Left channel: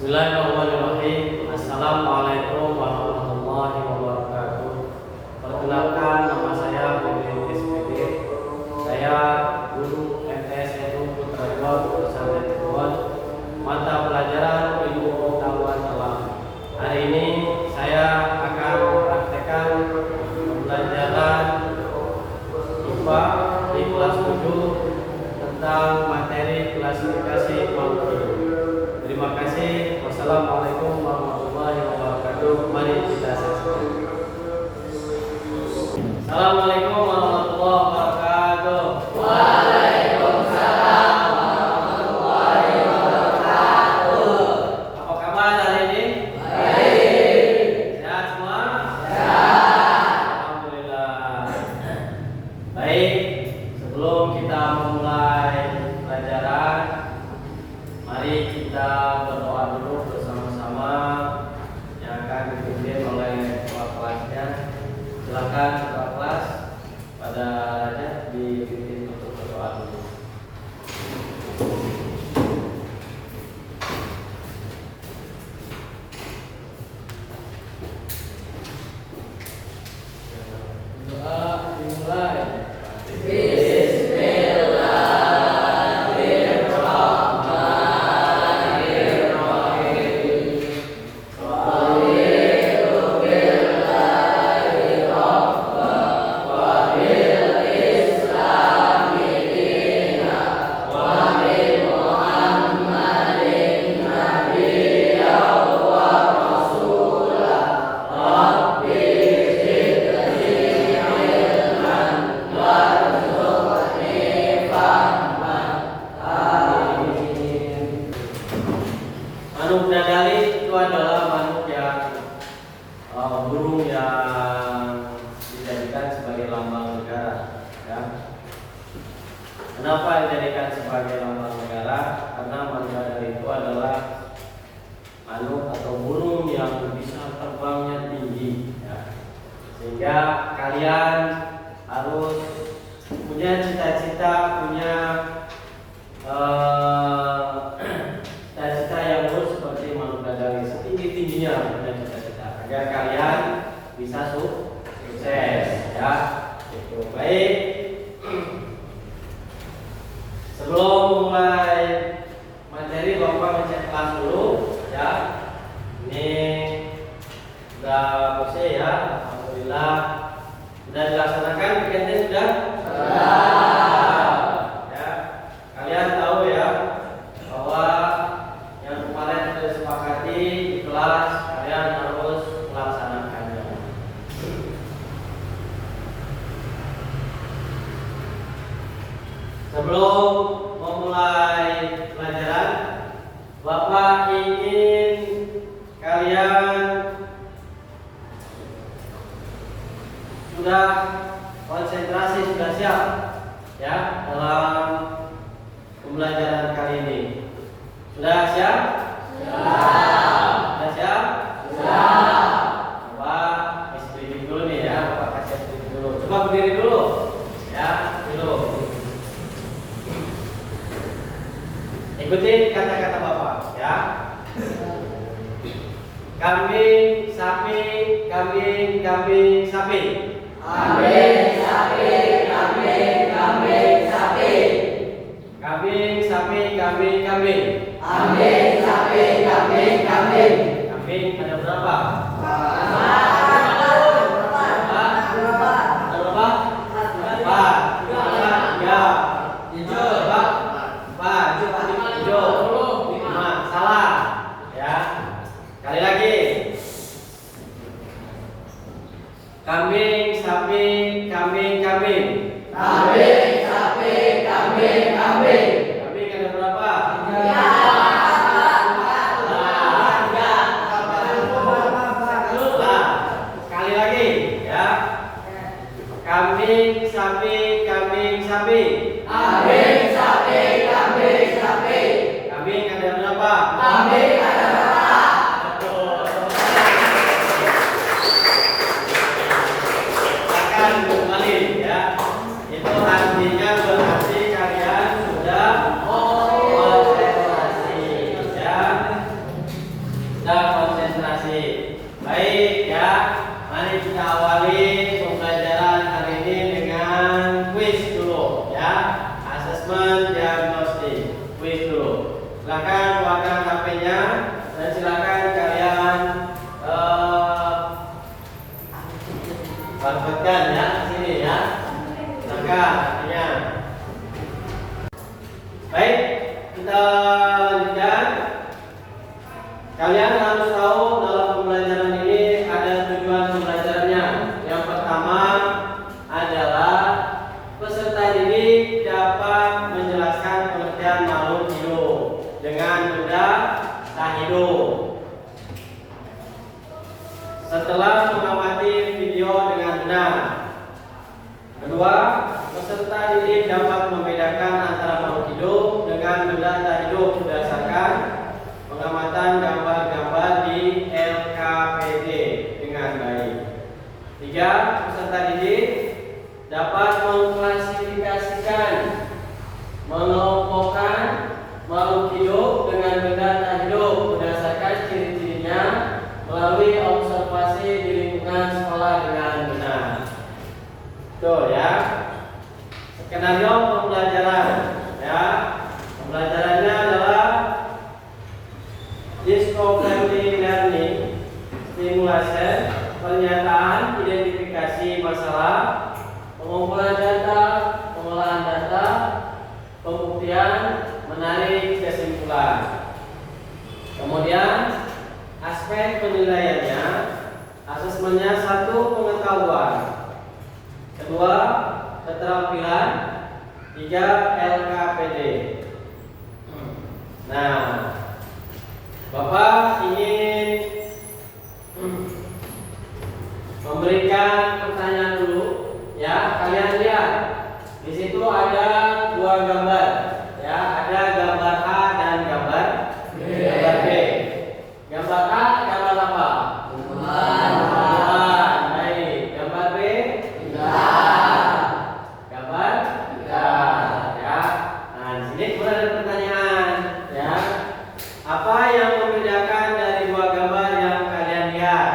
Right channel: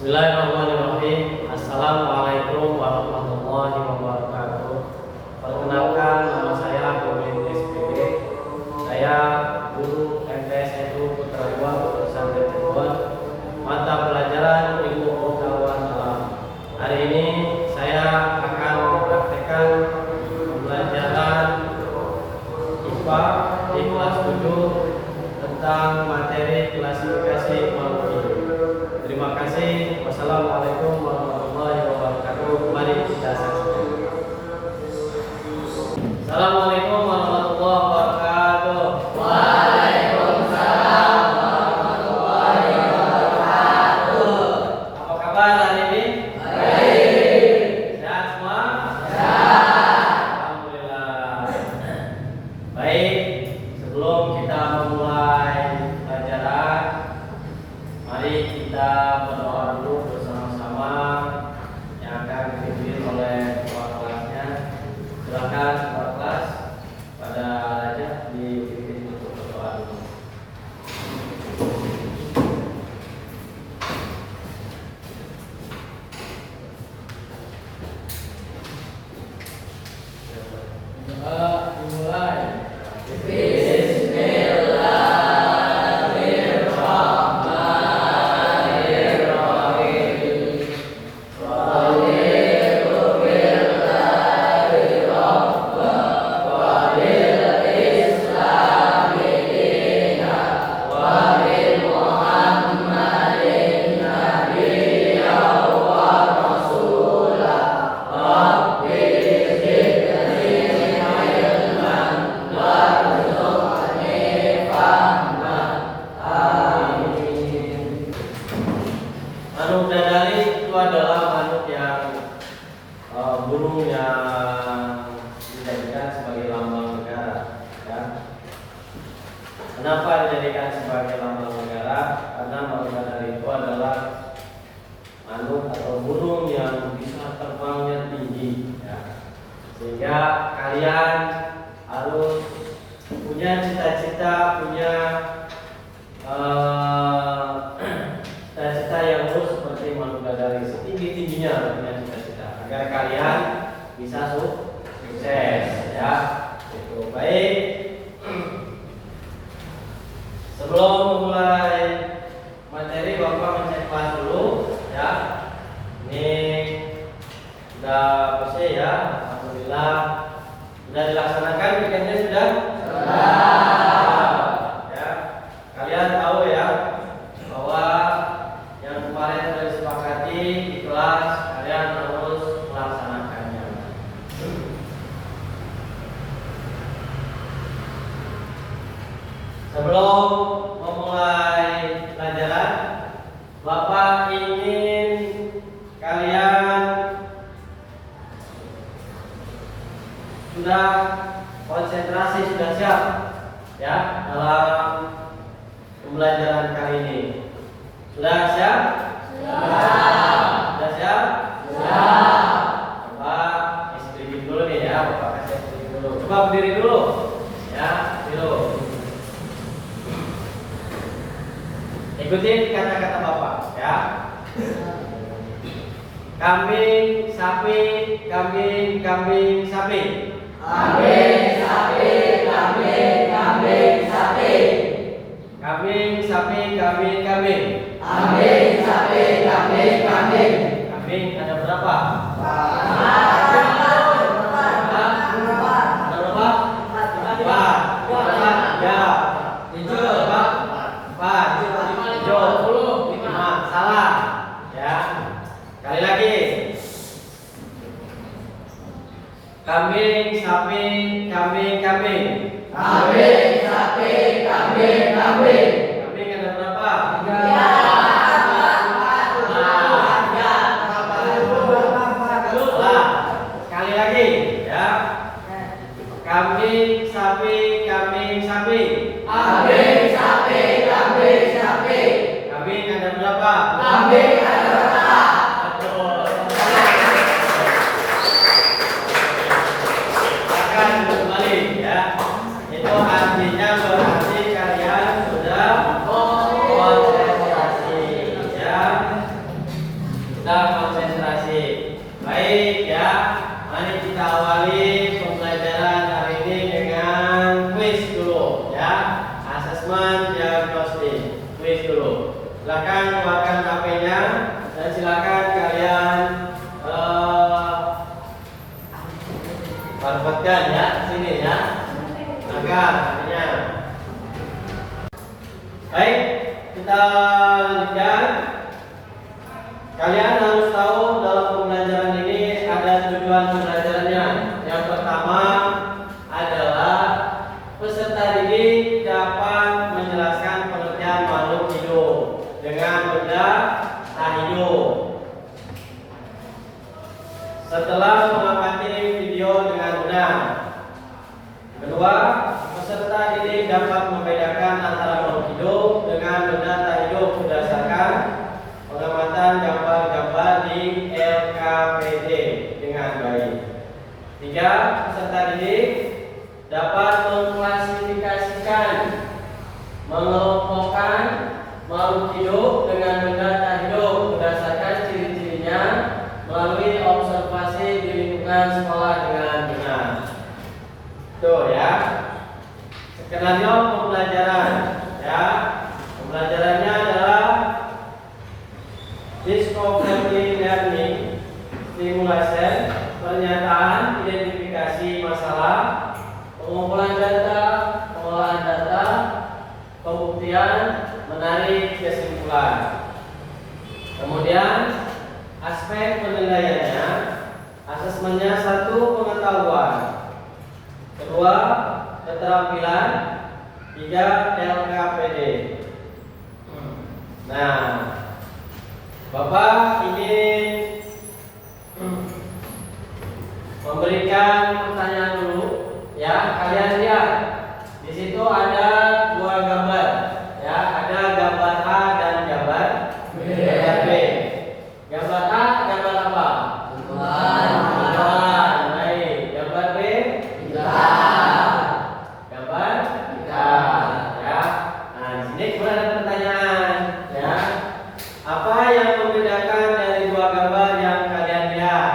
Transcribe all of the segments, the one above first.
Bismillahirrahmanirrahim. Assalamualaikum warahmatullahi wabarakatuh. Perkenalkan, nama saya Bobi SPD. Saya guru MTS Edu Putra II Pesantren Cirebon, mata pelajaran Ilmu Pengetahuan Alam. Hari ini saya akan mempraktekkan pembelajaran IPA di kelas 7 tentang materi klasifikasi makhluk hidup. Terima kasih. Wassalamualaikum warahmatullahi wabarakatuh. Mari kita saksikan. Assalamualaikum warahmatullahi wabarakatuh. Waalaikumsalam warahmatullahi wabarakatuh. Apa kabar hari ini? Baik. Sehat semua? Sehat. Alhamdulillah. Baik, sebelum kita memulai pelajaran, mari kita berdoa dulu bersama-sama yang akan dipimpin oleh ketua kelasnya. Silakan ketua kelas pada Raja dipimpin untuk berdoa dulu. Doa dimulai. Manuk dadali itu adalah manuk yang burung yang dijadikan sebagai lambang negara. Ya. Kenapa dijadikan sebagai lambang negara? Karena manuk dadali itu adalah manuk atau burung yang bisa terbangnya tinggi. Ya. Sehingga kalian harus punya cita-cita, punya cita-cita yang lurus seperti manuk dadali, setinggi-tingginya punya cita-cita agar kalian bisa sukses, ya. Itu baik. Sebelum memulai materi, Bapak ngecek kelas dulu, ya. Ini sudah bersih, ya. Alhamdulillah. Sudah dilaksanakan weekendnya sudah? Ya. Kalian tahu ya bahwa yang kemarin sudah disepakati di kelas, kalian harus melaksanakannya. Sebelum memulai pelajaran, Bapak ingin kalian sudah konsentrasi, sudah siap ya dalam pembelajaran kali ini. Sudah siap? Sudah siap? Coba kasih berdiri dulu nih ya, Bapak kasih berdiri dulu. Coba berdiri dulu. Ya, dulu. Ikuti kata-kata Bapak ya. Kambing, sapi, kambing, kambing, sapi. Kambing, sapi, kambing, kambing, sapi. Kambing, sapi, kambing, kambing. Kambing, sapi, kambing, kambing. Kambing ada berapa? Salah ya. Kali lagi. Kambing, sapi, kambing, kambing. Kambing, sapi, kambing, kambing. Kambing ada berapa? Sekali lagi ya. Kambing, sapi, kambing, sapi. Kambing, sapi, kambing, sapi. Kambing ada berapa? Kambing ada berapa? Betul. Akan kembali ya. Itu artinya berarti kalian sudah konsentrasi ya. Silakan keluarkan HP-nya dan silakan kalian marketkan ya sini ya. Angkat ya. Baik, kita lanjutkan. Kalian harus tahu dalam pembelajaran ini ada tujuan pembelajarannya. Yang pertama adalah peserta didik dapat menjelaskan pengertian makhluk hidup dengan benda tak hidup. Setelah mengamati video dengan benar. Kedua, peserta didik dapat membedakan antara makhluk hidup dengan benda tak hidup berdasarkan pengamatan gambar-gambar di LKPD dengan baik. Tiga, peserta didik dapat mengklasifikasikan, mengelompokkan makhluk hidup dengan benda tak hidup berdasarkan ciri-cirinya melalui observasi di lingkungan sekolah dengan benar. Tuh ya, skenario pembelajaran ya. Pembelajarannya adalah discovery learning, stimulation, pernyataan, identifikasi masalah, pengumpulan data, pengolahan data, pembuktian, menarik kesimpulan. Kemudian aspek penilaiannya, asesmennya satu, pengetahuan. Kedua, keterampilan. Tiga, LKPD. Nah, Bapak ingin memberikan pertanyaan dulu, ya. Kalian lihat di situ ada dua gambar, ya. Ada gambar A dan gambar B. Gambar A gambar apa? Bulan. Baik. Gambar B? Gambar ikan, ya. Nah, di sini kemudian ada pertanyaan, ya. Apa yang membedakan dari dua gambar yang kalian lihat?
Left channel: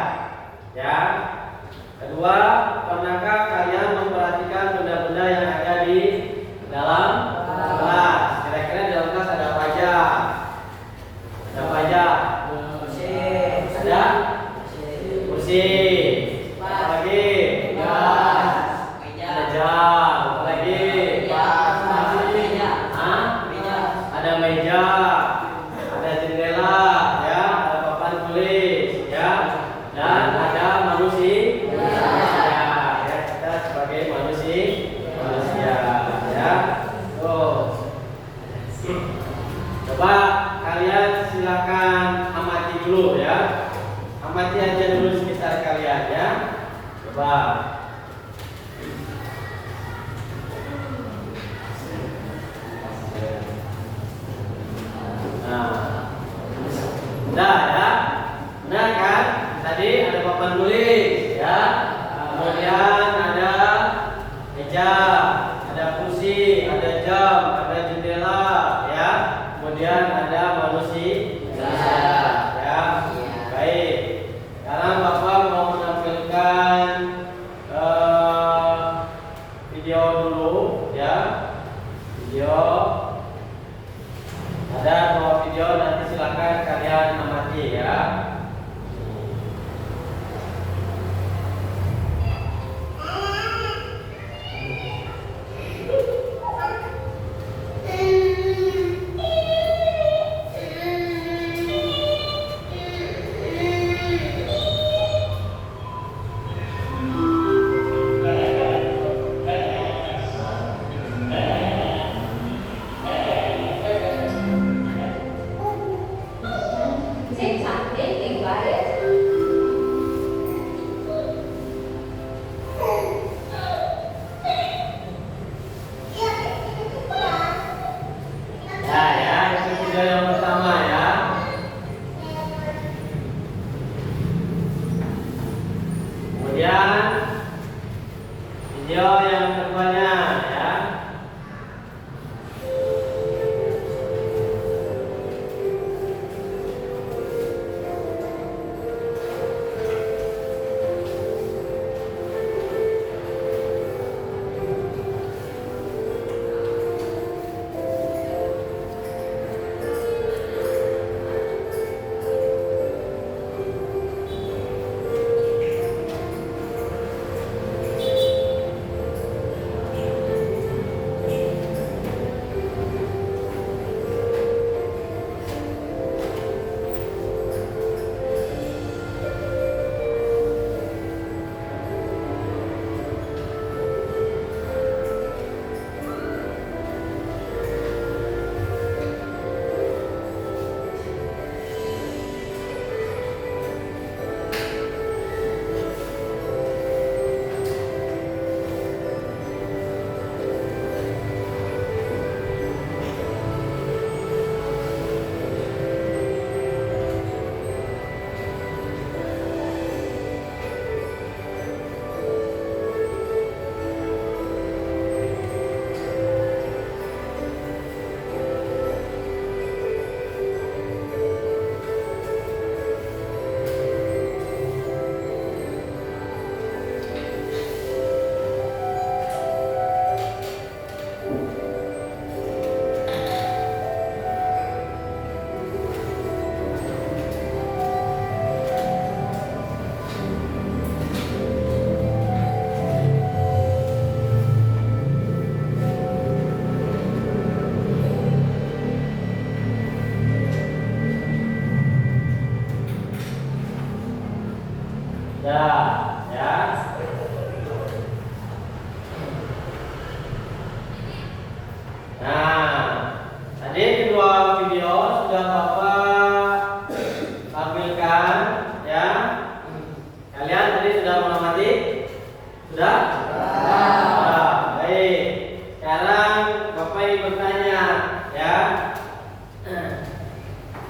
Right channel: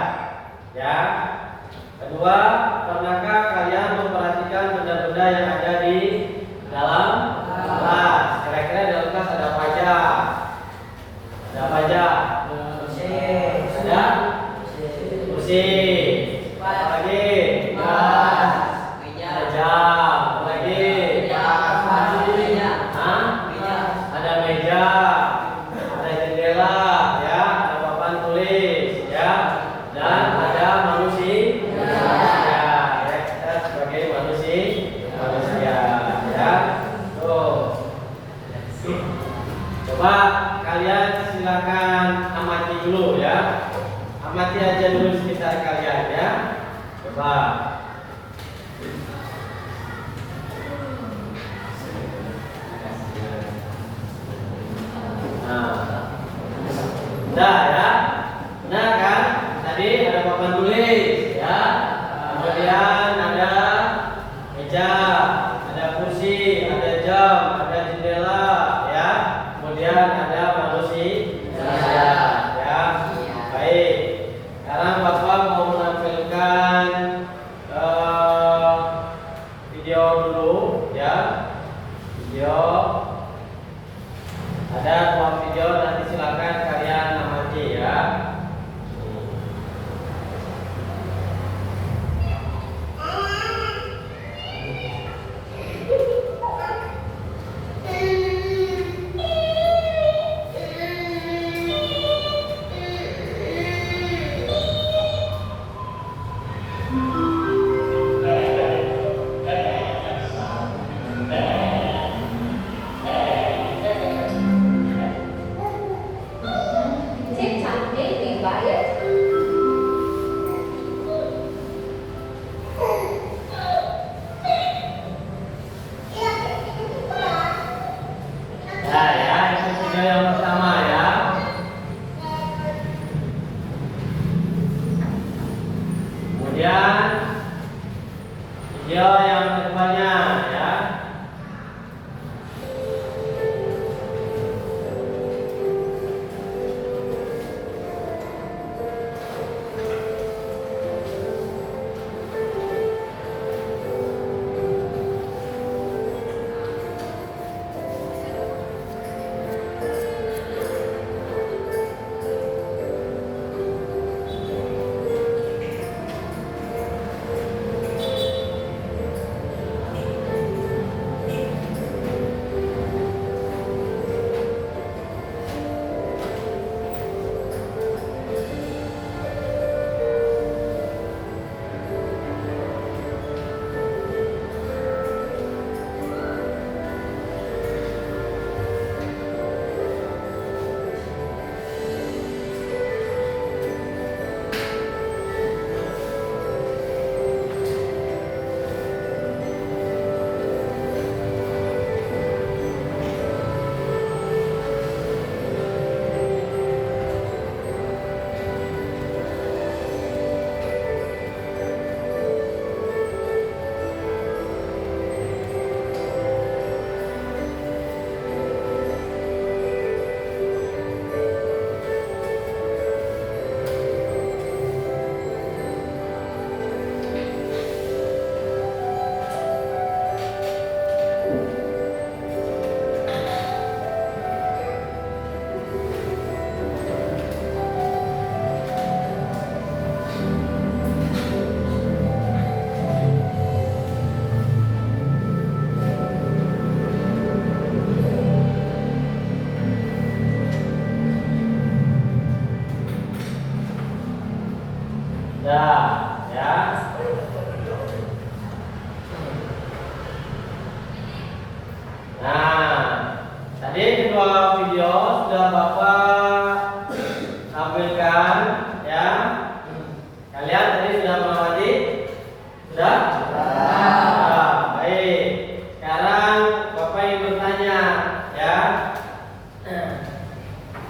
Ya. Kedua, pernahkah kalian memperhatikan benda-benda yang ada di dalam kelas? Kira-kira di dalam kelas ada apa aja? Ada apa aja? Ada? Kursi. Apa lagi? Ada jam. Apa lagi? Ada meja. Ada jendela, ya. Ada papan tulis, ya. Dan ada manusia. Ya, kita sebagai manusia, ya. Tuh. Coba kalian silakan amati dulu, ya. Amati aja dulu sekitar kalian, ya. Coba. Nah, udah ya, benar kan? Tadi ada papan tulis, ya. Kemudian ada meja, ada kursi, ada jam, ada jendela, ya. Kemudian ada manusia, ya. Baik. Sekarang Bapak mau menampilkan video dulu, ya. Video. Ada dua video, nanti silakan kalian amati, ya.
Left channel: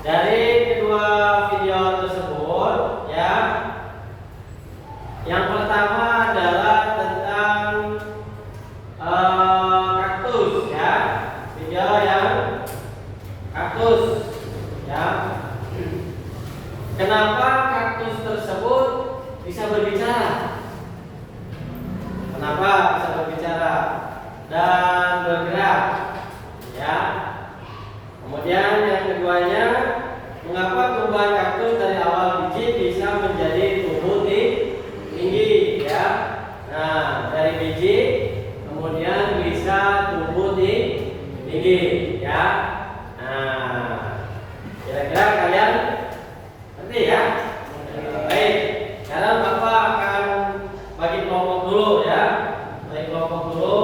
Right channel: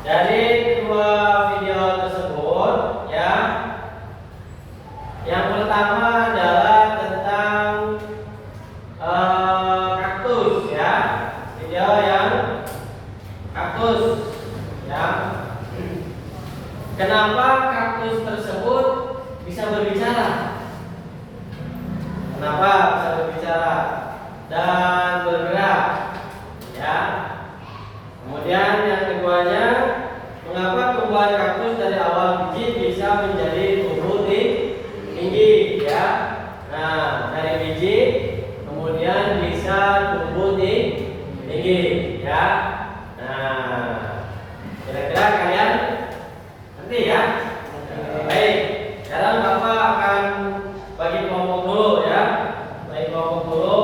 Dari kedua video tersebut ya, yang pertama adalah tentang kaktus ya, video yang kaktus ya. Kenapa kaktus tersebut bisa berbicara? Kenapa bisa berbicara dan bergerak ya? Kemudian yang keduanya, mengapa tumbuhan kaktus dari awal biji bisa menjadi tumbuh tinggi ya? Nah, dari biji kemudian bisa tumbuh tinggi ya. Nah, kira-kira kalian ngerti ya? Baik, sekarang Bapak akan bagi kelompok dulu ya. Bagi kelompok dulu,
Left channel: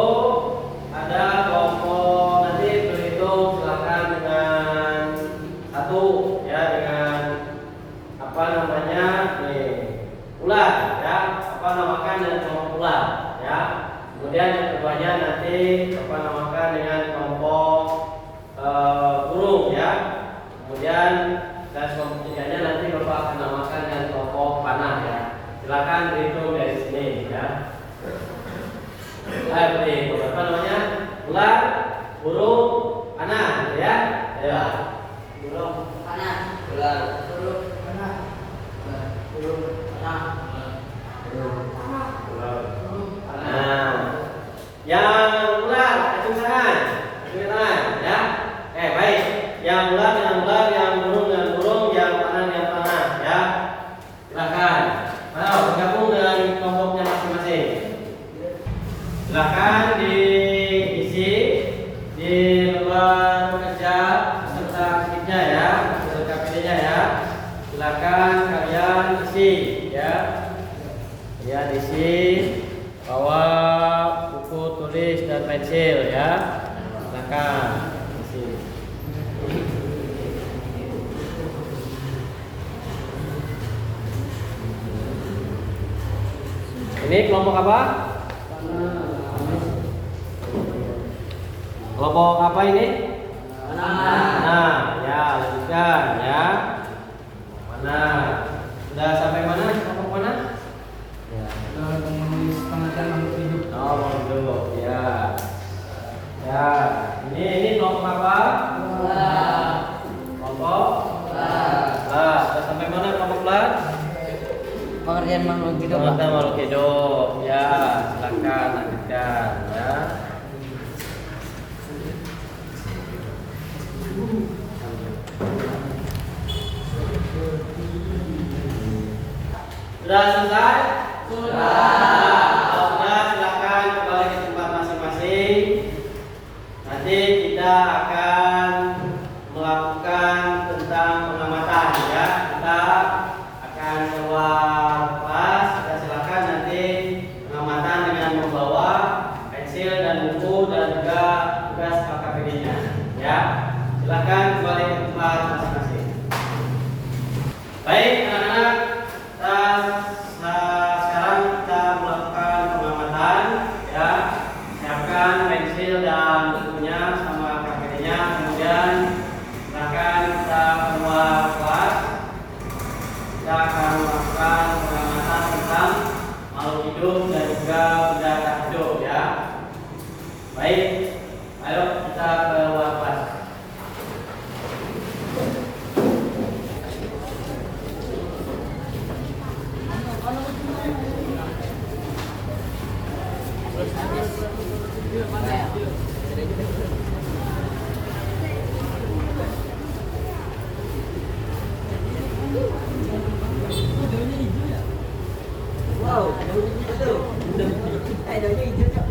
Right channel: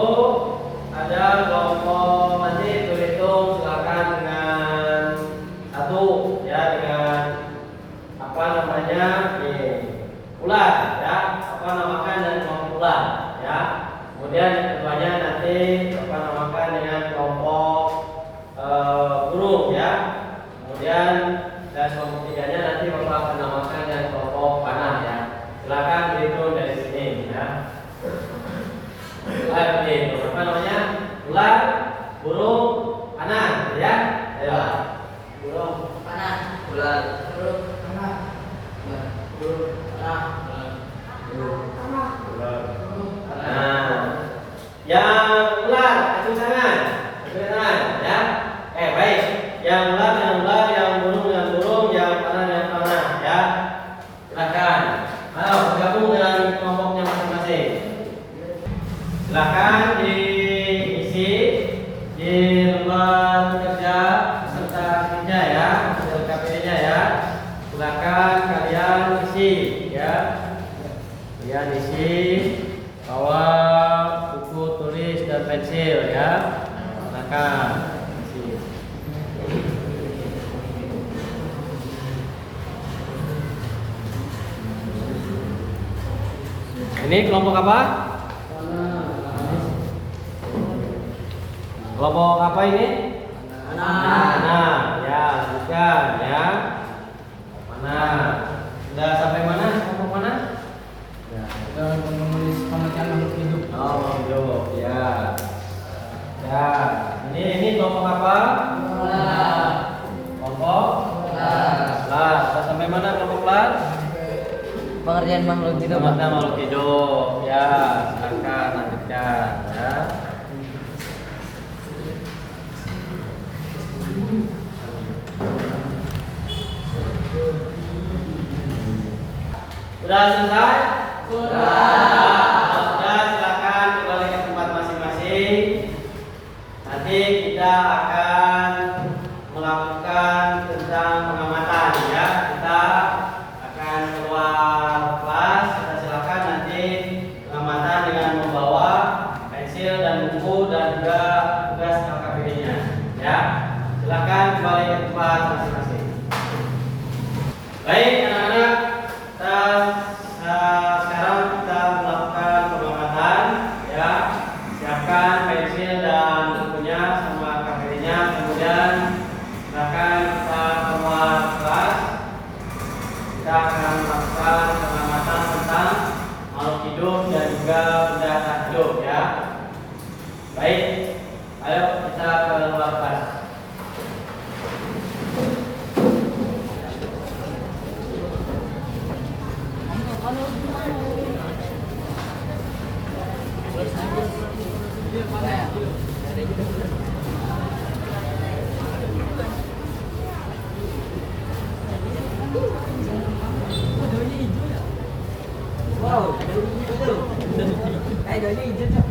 ada kelompok nanti berhitung, silakan dengan satu ya, dengan apa namanya ular ya, apa namakan dan kelompok ular ya. Kemudian yang keduanya nanti apa namakan dengan kelompok burung ya. Kemudian dan kelompok tiganya nanti Bapak akan namakan dengan kelompok panah ya. Silakan dihitung dari sini ya. Apa namanya? Ular, burung, panah ya. Ayo. Burung, Panah. ular, Burung. Panah. burung, Panah. ular. Nah, yang ular, acung tangan ya. Baik. Yang ular, yang burung, yang panah ya. Silakan. Ayo bergabung dengan kelompoknya masing-masing. Silakan diisi di lembar kerja serta KPD-nya ya, KPD-nya ya. Silakan kalian isi ya. Kalian isi, bawa buku tulis dan pensil ya. Silakan isi. Ini kelompok apa? Kelompok apa ini? Panah. Ya, lanjutkan ya. Panah. Sudah sampai mana kelompok panah? Ya. Sudah menulis pengertian makhluk hidup. Oh, makhluk hidup. Ya. Ya. Ini kelompok apa? Kelompok ular. Sudah sampai mana kelompok ular? Pengertian makhluk hidup. Pengertian makhluk hidup. Ya, silakan lanjutkan ya. Sudah selesai? Kalau sudah, silakan kembali ke tempat masing-masing. Nanti kita akan melakukan tentang pengamatan ya. Kita akan keluar kelas. Kita silakan nanti pengamatan dengan membawa pensil dan buku dan juga tugas KKPD-nya ya. Silakan kembali ke tempat masing-masing. Baik anak-anak, sekarang kita melakukan pengamatan ya. Siapkan pensil dan bukunya sama KPD-nya. Kemudian silakan kita keluar kelas. Kita akan melakukan pengamatan tentang makhluk hidup dan juga benda tak hidup ya. Baik, ayo kita keluar kelas. Wow, daunnya hijau.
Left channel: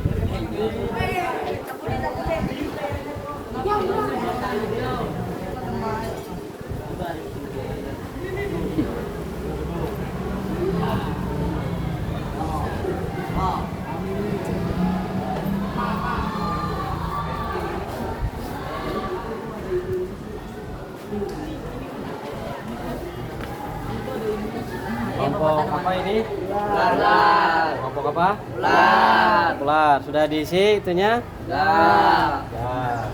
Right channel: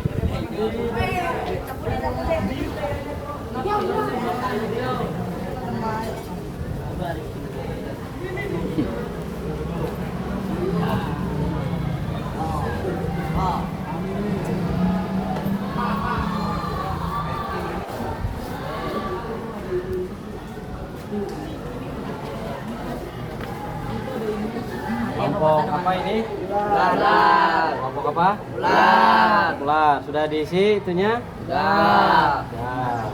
Kelompok apa ini? Ular. Kelompok apa? Ular. Ular. Sudah diisi itunya? Ular. Ya.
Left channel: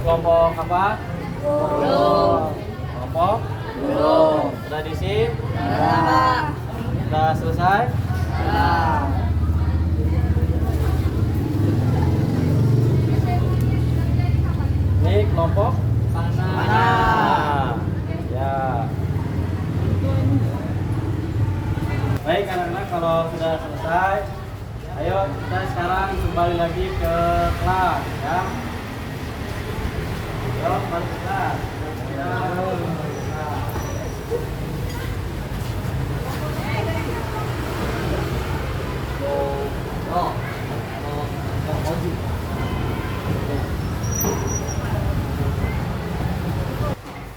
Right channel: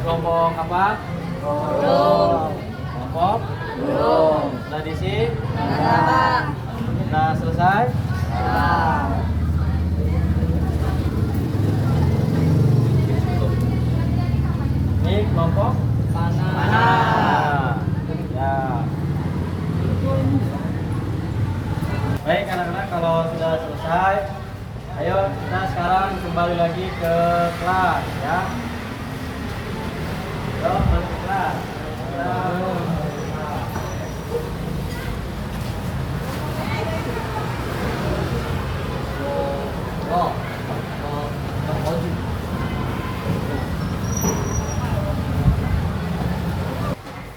kelompok apa? Burung. Kelompok? Burung. Sudah diisi? Ada, Pak. Sudah selesai? Sudah. Ini kelompok? Panah. Ya. Baik anak-anak, kalau sudah selesai, ayo kita sekarang kembali lagi ke kelas ya. Yuk, balik ke kelas. Ya, balik ke kelas.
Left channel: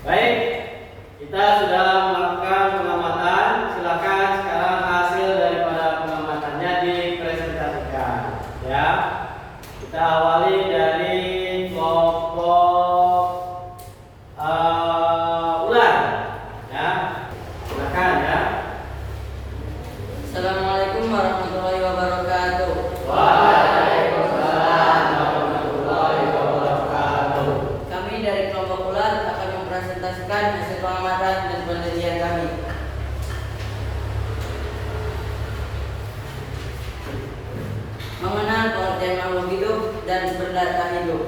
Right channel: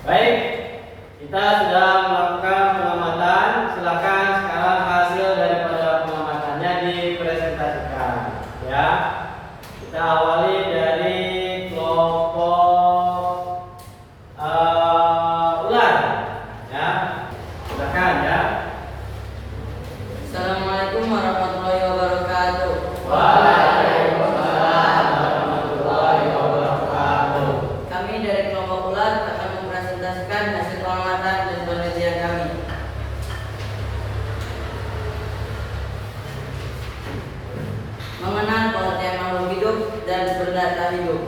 Baik, kita sudah melakukan pengamatan. Silakan sekarang hasil daripada pengamatannya dipresentasikan. Ya, kita awali dari kelompok ular. Ya, silakan ya. Assalamualaikum warahmatullahi wabarakatuh. Waalaikumsalam warahmatullahi wabarakatuh. Kami dari kelompok ular akan mempresentasikan hasil pengamatan dan penelitian kami. Mengenal pengertian makhluk hidup dan benda tak hidup.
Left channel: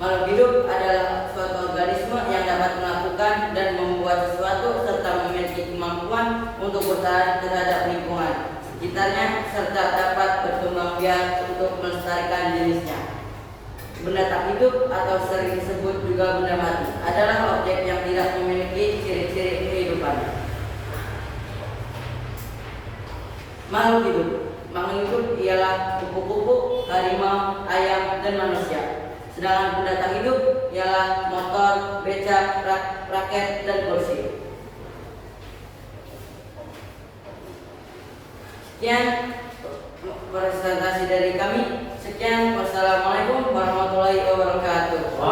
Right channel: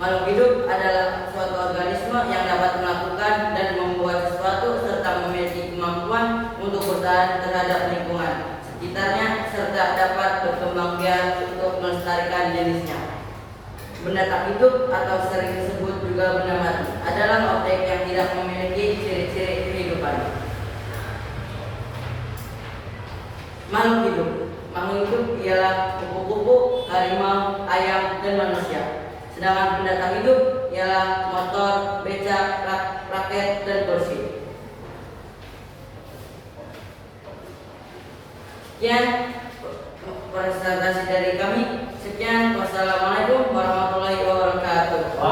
Makhluk hidup adalah suatu organisme yang dapat melakukan dan membuat sesuatu serta memiliki kemampuan untuk bertahan terhadap lingkungan sekitarnya serta dapat berkembang biak untuk melestarikan jenisnya. Benda tak hidup atau sering disebut juga benda mati adalah objek yang tidak memiliki ciri-ciri kehidupan. Makhluk hidup. Makhluk hidup ialah kupu-kupu, harimau, ayam, dan manusia. Sedangkan benda tak hidup ialah motor, becak, raket, dan kursi. Sekian presentasi dari kami. Sekian, wassalamualaikum warahmatullahi wabarakatuh.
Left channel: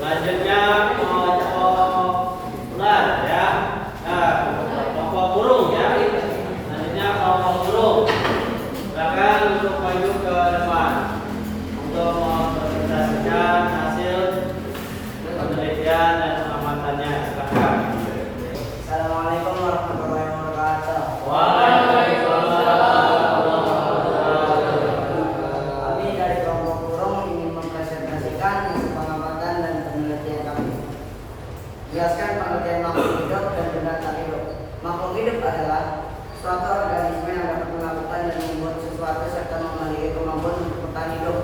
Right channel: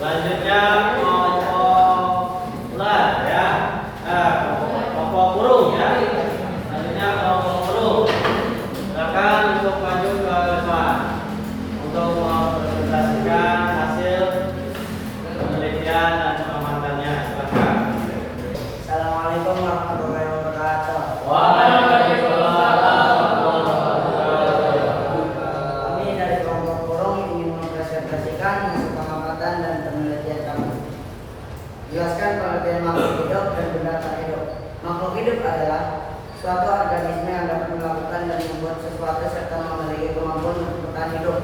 Selanjutnya kelompok ular ya. Nah, kelompok burung ya. Selanjutnya kelompok burung. Silakan untuk maju ke depan untuk mempresentasikan hasil penelitian dan pengamatannya. Silakan. Assalamualaikum warahmatullahi wabarakatuh. Kami dari kelompok burung ingin mempresentasikan hasil pengamatan dan penelitian kami. Jelaskan pengertian makhluk hidup dan benda tak hidup. Makhluk hidup adalah suatu organisme yang dapat melakukan dan membuat sesuatu serta memiliki kemampuan untuk bertahan hidup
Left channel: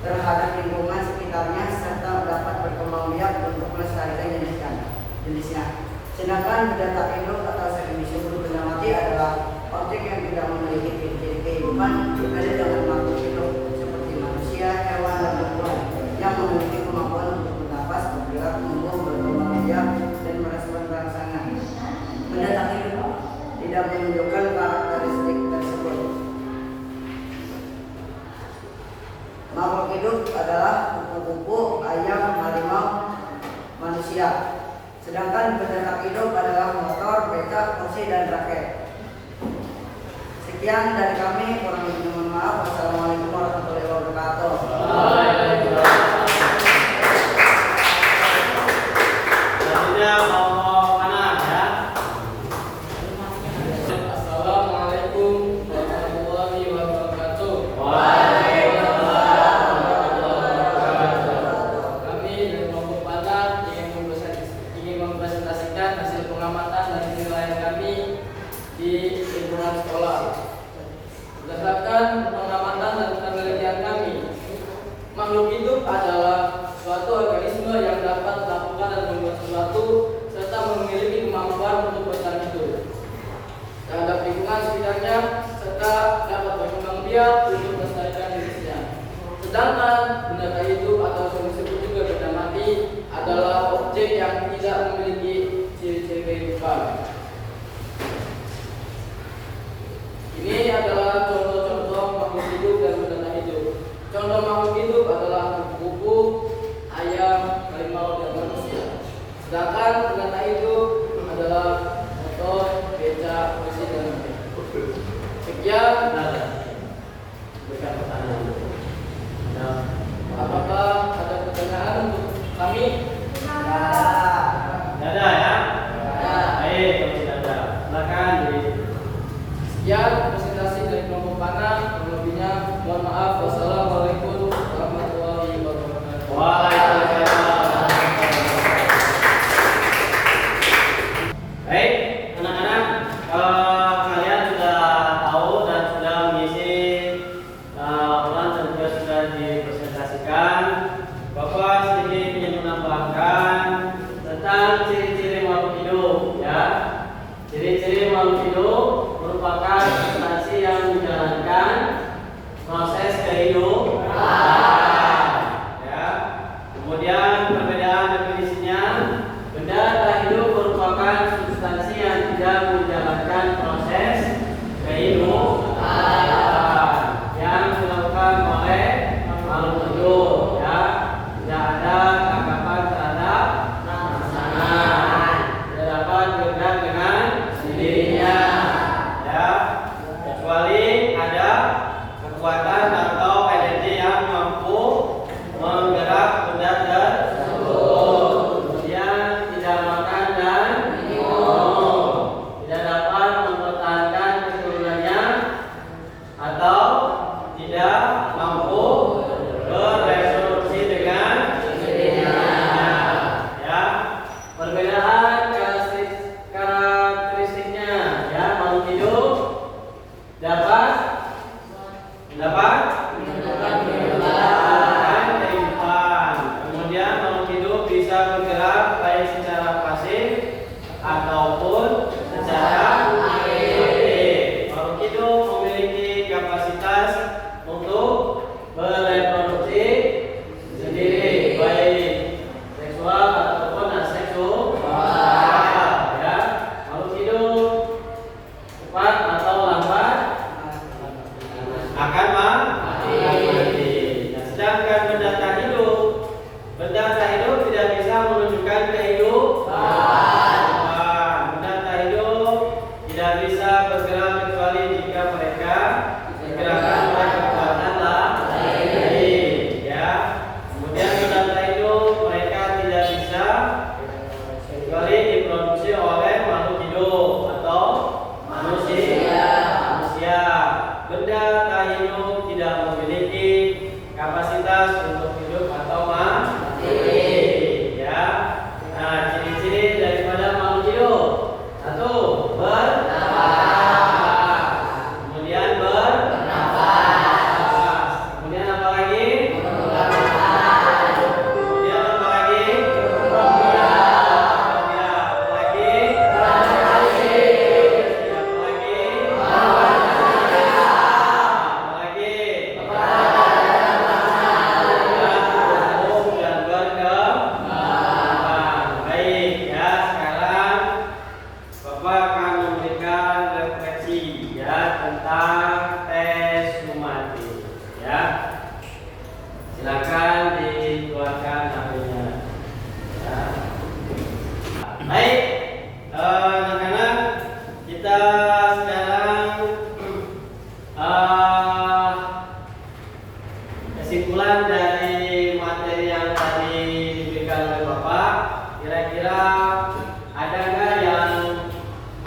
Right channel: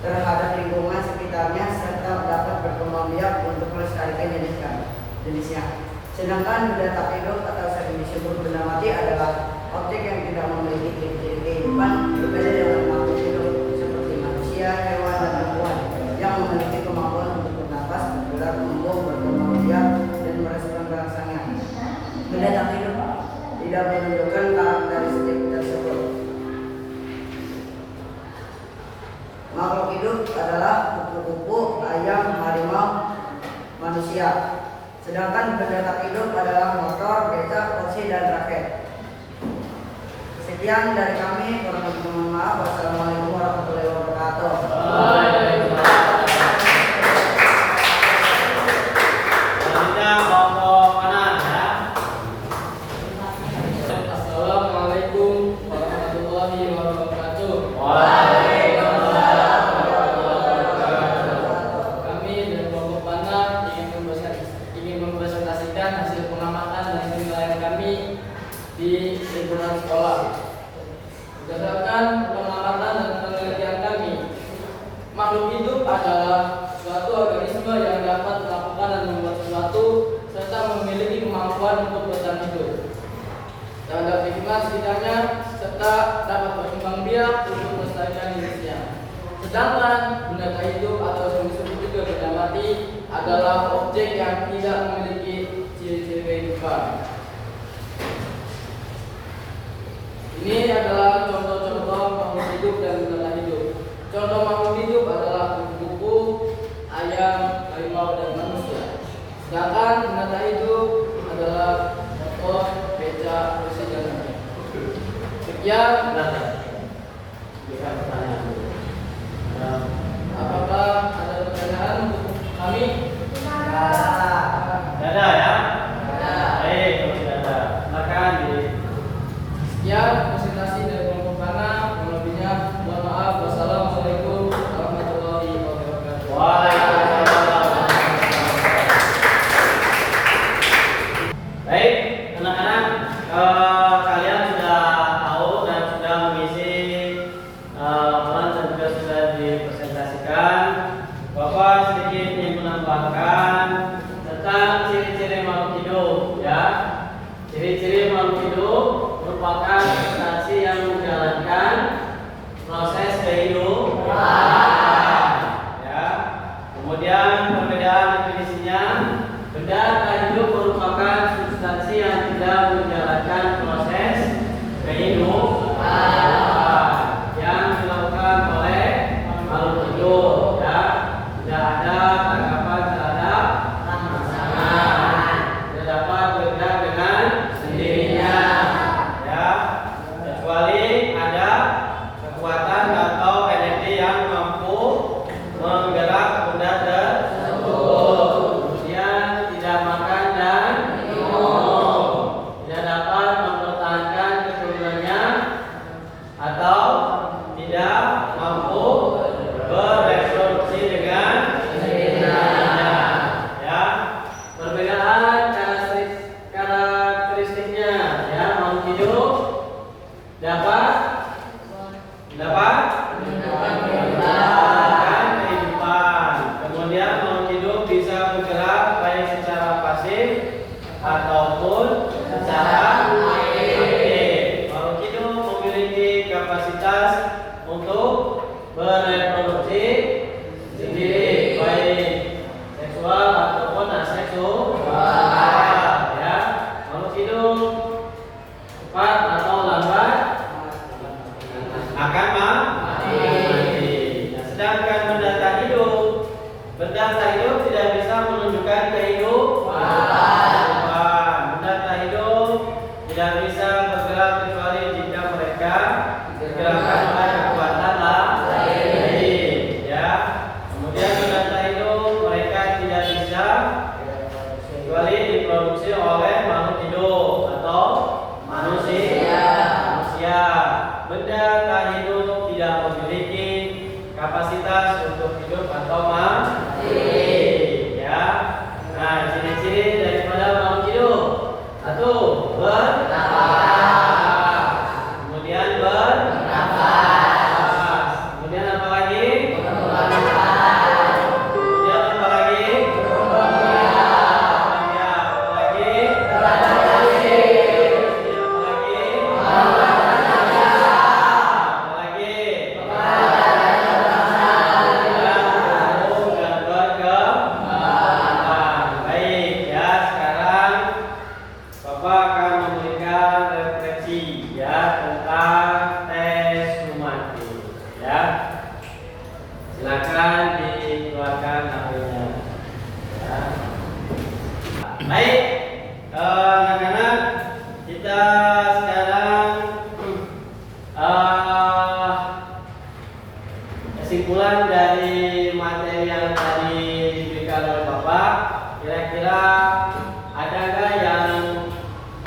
terhadap lingkungan sekitarnya serta dapat berkembang biak untuk melestarikan jenisnya. Sedangkan benda tak hidup atau sering disebut benda mati adalah objek yang tidak memiliki ciri-ciri kehidupan berbeda dengan makhluk hidup seperti manusia, hewan, dan tumbuhan yang memiliki kemampuan untuk bernapas, bergerak, tumbuh, berkembang biak, dan merespon rangsangan. Benda tak hidup tidak menunjukkan karakteristik tersebut. Makhluk hidup adalah kupu-kupu, ayam, harimau, manusia. Sedangkan benda tak hidup adalah motor, becak, kursi, dan raket. Sekian dari kami, kurang lebih mohon maaf. Wassalamualaikum warahmatullahi wabarakatuh. Selanjutnya kelompok panah ya. Assalamualaikum warahmatullahi wabarakatuh. Kami dari kelompok panah ingin mempresentasikan hasil pengamatan dan penilaian kami di lingkungan sekolah. Berdasarkan pengamatan dan penelitian kami, makhluk hidup adalah suatu organisme yang dapat melakukan dan membuat sesuatu serta memiliki kemampuan untuk bertahan hidup terhadap lingkungan sekitarnya serta dapat berkembang biak untuk melestarikan jenisnya. Sedangkan benda tak hidup atau sering disebut juga benda mati adalah objek yang tidak memiliki ciri-ciri kehidupan. Ini adalah contoh-contoh makhluk hidup dan benda tak hidup. Contoh makhluk hidup adalah kupu-kupu, ayam, harimau, dan manusia. Sedangkan benda tak hidup adalah motor, becak, kursi, dan lain-lain. Sekian. Berikan pertanyaan dulu. Nah, kehidupan. Ya. Kemudian perbedaan definisinya, benda tak hidup merupakan substansi yang tidak menjalankan proses kehidupan yang dilakukan oleh makhluk hidup. Ya. Tidak ada tanggapan terhadap makanan, tidak dapat bergerak dengan sendirinya. Ya. Kecuali ada kekuatan atau energi yang mampu menggerak benda tersebut. Kemudian tidak makan dan minum, tidak dapat mempertahankan keturunannya atau tidak mampu bereproduksi dengan sendirinya. Ya, perbedaan karakteristiknya, ya, makhluk hidup dapat menjalankan kehidupan. Kemudian makhluk hidup bisa bergerak baik secara pasif ataupun secara aktif. Makhluk hidup memiliki kapasitas untuk bereproduksi sendiri, baik seksual ataupun aseksual. Ya, makhluk hidup cepat atau lambat akan mati. Nah, sedangkan benda tak hidup tidak bisa menunjukkan kehidupan. Benda tak hidup tidak bisa bergerak kecuali jika mereka digerakkan oleh kekuatan lain. Ya. Kemudian benda tak hidup mereka tidak bisa kecuali diproduksi oleh makhluk hidup atau manusia. Benda tak hidup tidak memiliki kapasitas untuk hidup atau mati. Ya. Nah, ciri-ciri daripada makhluk hidup: satu, bernafas. Kemudian bernafas. Kemudian apa lagi? Kemudian apa lagi? Ya, apa lagi? Silakan dikeluarkan HP-nya. Ya. Baik, anak-anak, kita sekarang kesimpulan dari materi yang tadi diberikan oleh Bapak. Kira-kira ada nggak yang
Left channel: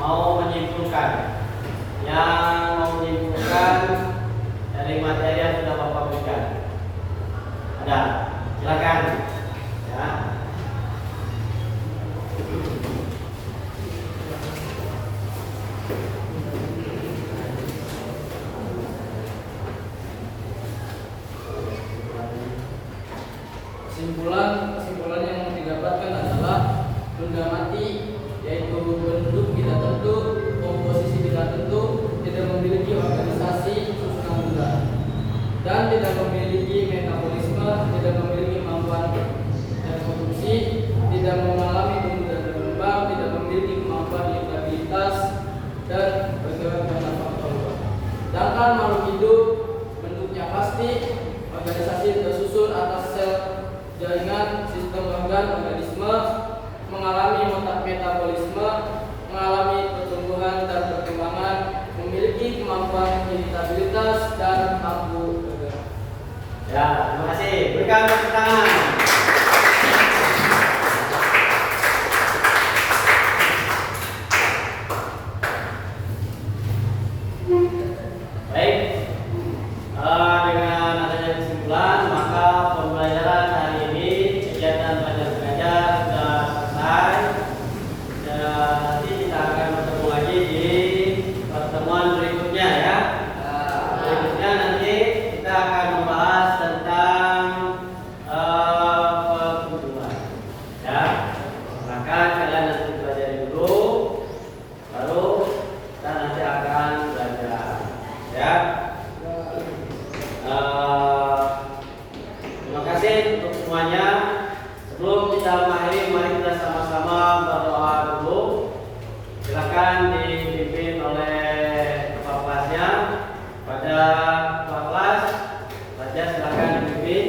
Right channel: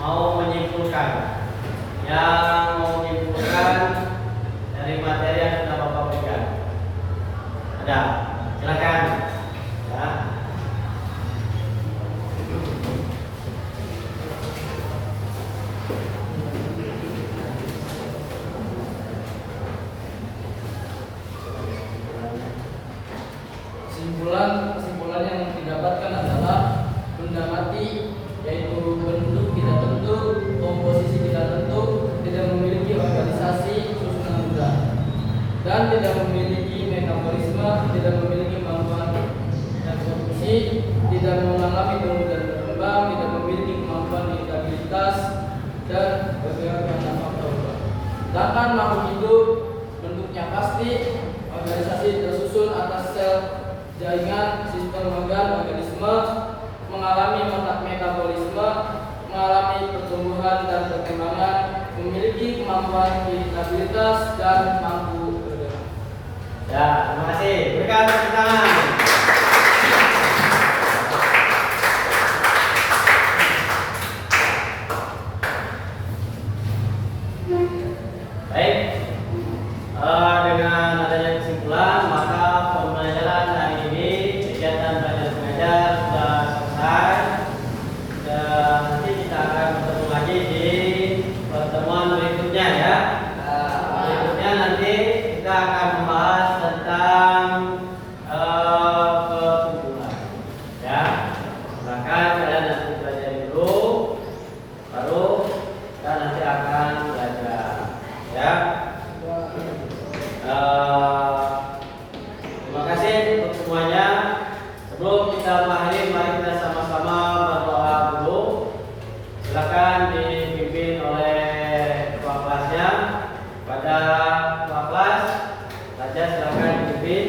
mau menyimpulkan? Yang mau menyimpulkan dari materi yang sudah Bapak berikan? Ada, silakan. Ya. Kesimpulan yang didapatkan adalah benda mati, yaitu bentuk tidak tentu, komposisi tidak tentu, tidak memiliki organisasi susunan benda, dan tidak memiliki metabolisme, tidak memiliki kemampuan reproduksi, tidak mengalami tumbuh dan berkembang, tidak memiliki kemampuan iritabilitas dan bergerak dengan faktor. Sedangkan makhluk hidup bentuknya pasti, organisasi tersusun atas sel jaringan, sistem organ, organisme, mengalami metabolisme, mengalami pertumbuhan dan perkembangan, memiliki kemampuan iritabilitas dan mampu bergerak. Ya, terima kasih. Berikan tepuk tangan. Baik, dengan adanya kesimpulan, maka pembelajaran hari ini, kegiatan belajar mengajar sudah selesai. Dan nanti kita akan bertemu lagi di pertemuan berikutnya, ya. Berikutnya nanti kita akan membahas tentang silakan dipimpin.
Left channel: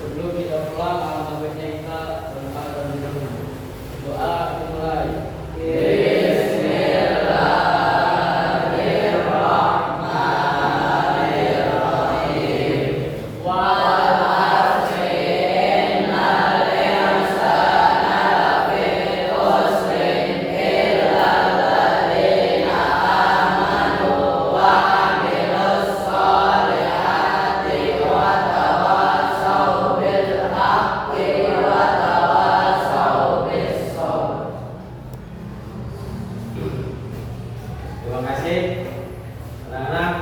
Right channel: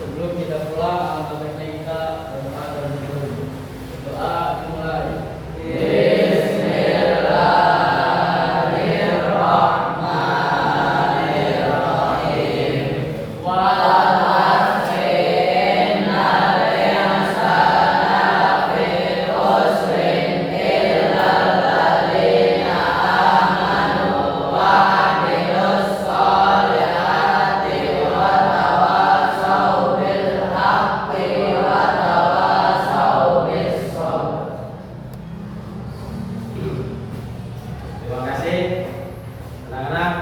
Sebelum kita pulang, alangkah baiknya kita berdoa dan berdoa. Doa dimulai. Terima kasih anak-anak.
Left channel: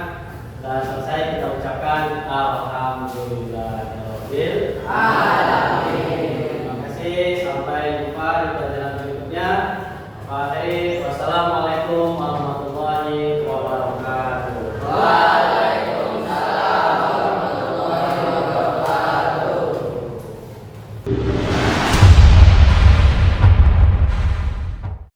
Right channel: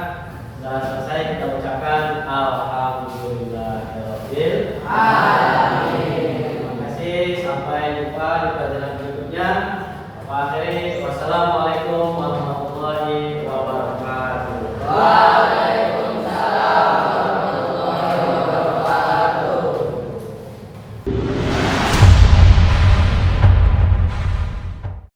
Sudah selesai kita ucapkan Alhamdulillah.